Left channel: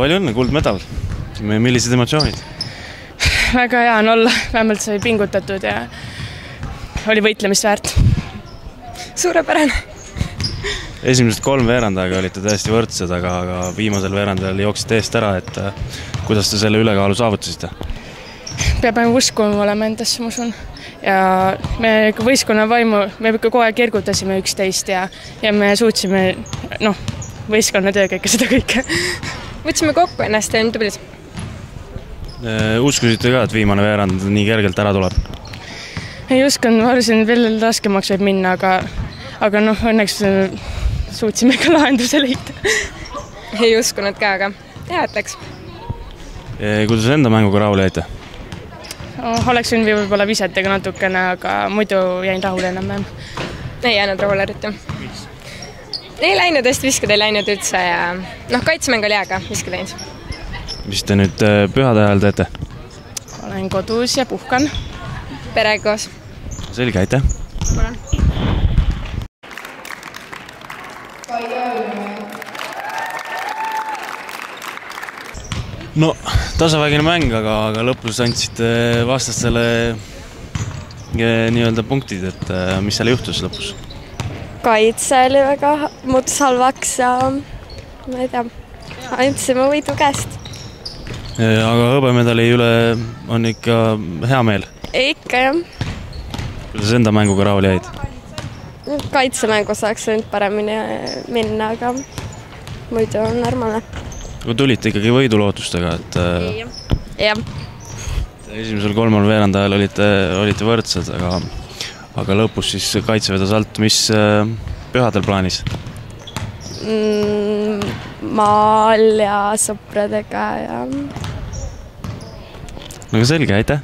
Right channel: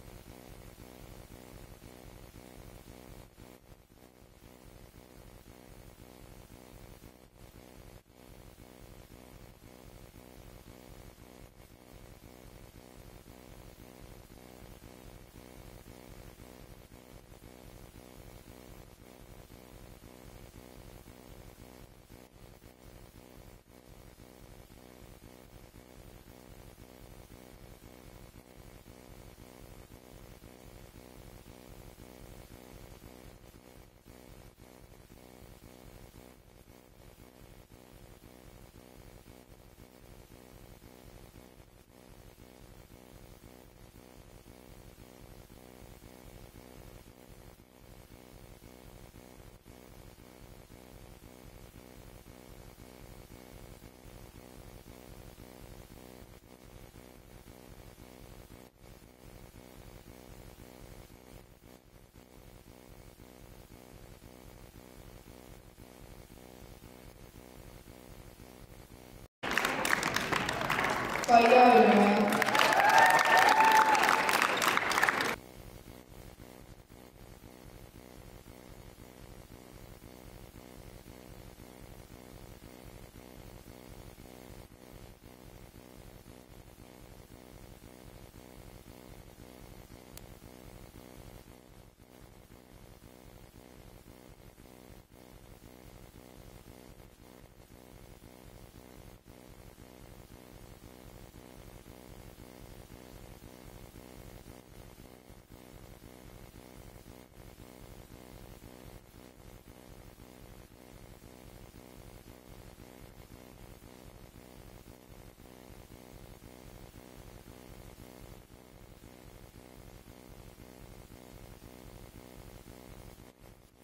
palju õnne, kuldmedal. Millised emotsioonid? Väga hea on olla, vähemalt sai pingutatud ja oli võitlemist väärt. Suurepärane. Esimesed 3 veerandaga olite täiesti võrdsed, aga viimasel veerandajal jooksite eest ära, et kuidas te selle ülekaalu saavutasite? Peab uskuma olema endasse, ma usun. Ja me võistkonna vaimu, me kogu aeg ergutasime üksteist ja me suutsime võistkonna tööga ikka seda kõike. Võtsime kokku ennast ja tublid. Uskusite ka, et viimane veerand nii kergelt ära tuleb? Ei uskunud, ma arvasin, et veel raskemaks võib minna, aga õnneks suutsime ka lahenduse leida. Ei uskunud ka, aga hea, et läks. Kuidas enda mänguga rahule jäite? Oleks võinud võib-olla visetega natukene, aga muidu jäin rahule enam-vähem. Ei jäänud rahule eriti. Ei läinud, hästi viskad ei läinud üldse ja kaitsemäng oli hea, viskad läinud. Mis te nüüd pühade ajal teete? Olen kodus ja puhkan. Perega koos. Selge, aitäh! No, tasavägine mäng, aga lõpus andsite vastastele nii-öelda punktid, et mis seal juhtus lõpus? Kaitse oli väga muutus halvaks ja ma ei tea, andsime võidu käest. Aga hõbemedali üle on ikka hea meel? Ikka jah. Kuidas enda mänguga rahule jäid? Kaitsemängu saaks võinud paremini minna, aga muidu on normaalne. Kui tulite ikkagi võidulootustega, et jah. Esimesel 3 veerandajal olite võrdsed, aga lõpus siis kaitse vedas alt. Mis pühadel plaanis? Maal ja sõpradega ja... No selge, aitäh!